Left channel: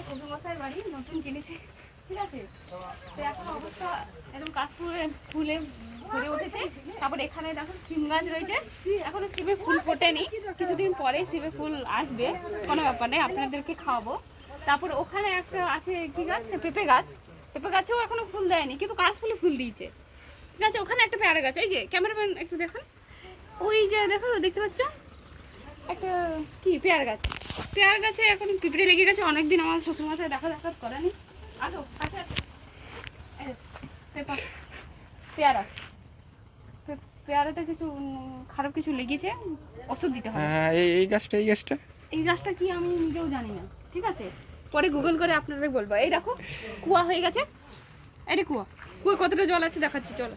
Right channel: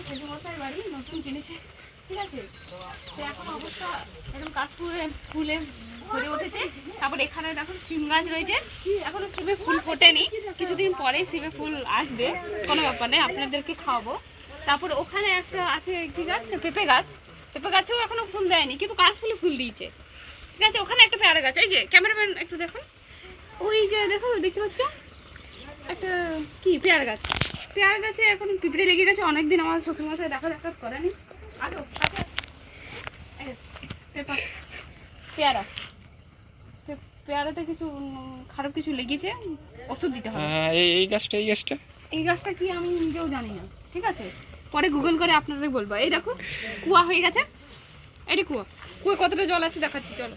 আমার শ্বশুরমশাই বাড়ি নতুন কিনেছে, ঠিক আছে। তো এখন অবস্থা এরকম কাশ ফুলে ভরে উঠেছে। তারপর এখানে দেখুন সিম গাছ রয়েছে, এখনো সিমে ফুল ফোটেনি, কিছুদিন পরে সিমে ফুল আসবে, কোনো ব্যাপার নেই, আপনাদেরকে খাওয়াবো। তারপর ওখানে একটা আছে কি গাছ, পেঁপে গাছ, পেঁপে গাছেও এখনো ফুল দেয়নি, কিন্তু কাশ ফুলে ফুল দিয়েছে, ঠিক আছে। ওখানে একটা পেয়ারা গাছ, এই যে ক্যামেরাম্যান একটু দেখুন, ওই যে দেখো দেখতে পাচ্ছ একটা কি পেয়ারা গাছ, পেয়ারা গাছে এখন পিঁপড়ে লেগে গেছে, অনেকদিন আমার শ্বশুরমশাই দেখা করেনি। আসো কাছে, পেয়ারা, পেয়ারাতে কিছু খারাপ কিছু লেগেছে, ওষুধ দিতে হবে। হ্যাঁ এই গাছটা এই গাছটা কি আমি নিজেও জানি না, ঠিক আছে, পরে গুগল করে আপনাদের বলবো। এই দেখো কুয়া হয়ে গেছে, এটা কুয়া, কুয়া কতটা জল আছে দেখাচ্ছি, চলো।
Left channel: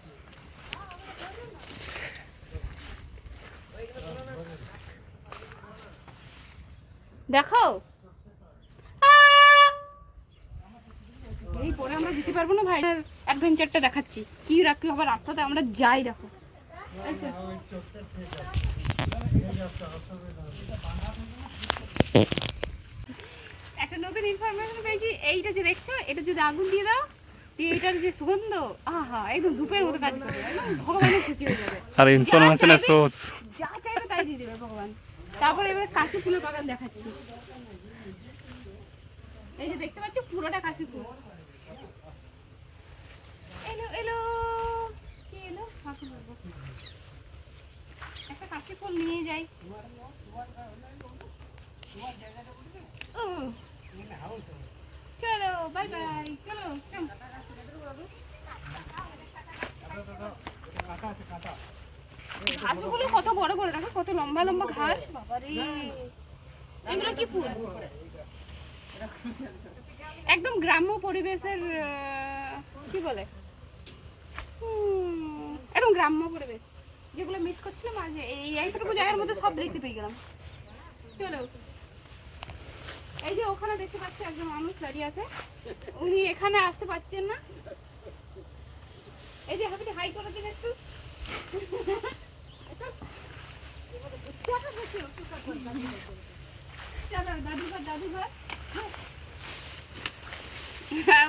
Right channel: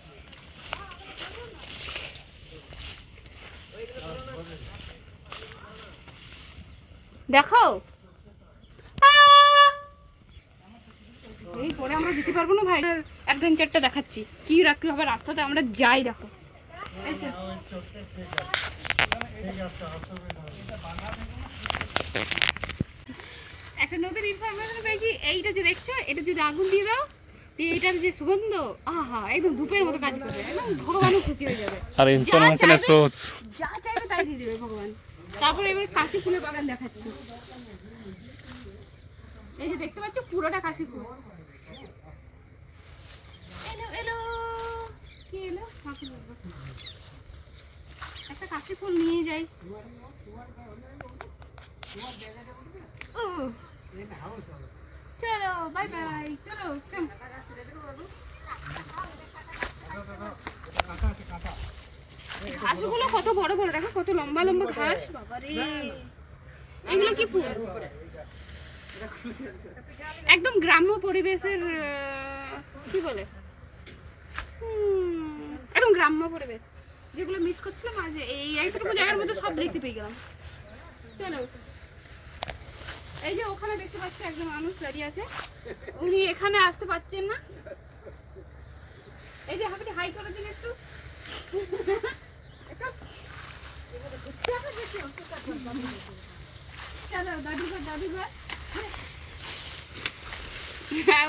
দেখো এই পরে আমরা দিতে পারবো না ভাই, অ্যাডভেঞ্চারটা দেখাচ্ছি কি রাখতে হবে রাস্তাতে, আমরা যাই। দেখো একটা নতুন ইনফরমেশন পেয়েছি, এইটা যে দেখছো এটা যদি আগুন দিয়ে দাও, এইটার যে সুগন্ধ, আহা একদম ধূপের মতো কাজ করবে, একদম ভগবানও খুশি হয়ে যাবে, আর ইনফরমেশনের সোর্স যা চাইবে তাই দিয়ে দেবে ভগবান। তারপরে এবার কাশি ফুলের বাগান দেখাচ্ছি, এই যে দেখতে পাচ্ছ পুরোটা কাশি ফুল। এলো এলো কি এলো, একটা কাশি ফুল নিয়ে যাই। চলো বাই বাই, চলো ঘাসগুলো কত বড় বড়, দেখো কত লম্বা লম্বা ঘাস, বাবারে এগুলো কি ফুল, একদম গ্রাম্য পরিবেশের কি বলে, একদম গ্রাম্য পরিবেশ, যেগুলো মিস করছিলাম আজ এইটুকু জায়গার মধ্যে সব দেখতে পেয়ে গেলাম। চলো এই যে ওখানে দেখতে পাচ্ছি একজন মানুষ দাঁড়িয়ে আছে, উনি এখানে আসতে পারছেন না, এই যে হাঁপিটি হাই করে দিন একটু। চলো দাদুঘর দাদুঘর,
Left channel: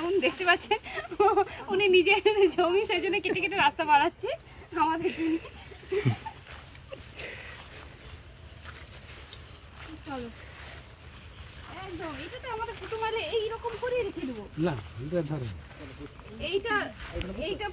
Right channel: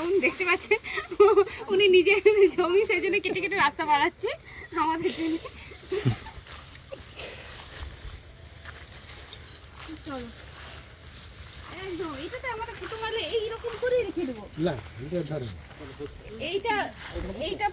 উনি দেখতে পাচ্ছেন উনি নিজের জমি সেই জন্য কেটে কেটে রাস্তা বাড়াচ্ছে আমাদের জন্য। চলো একদম এটাতে আমাদের কুটুম আলে এইরকম করে রেখে দেবো, এইটা এইটা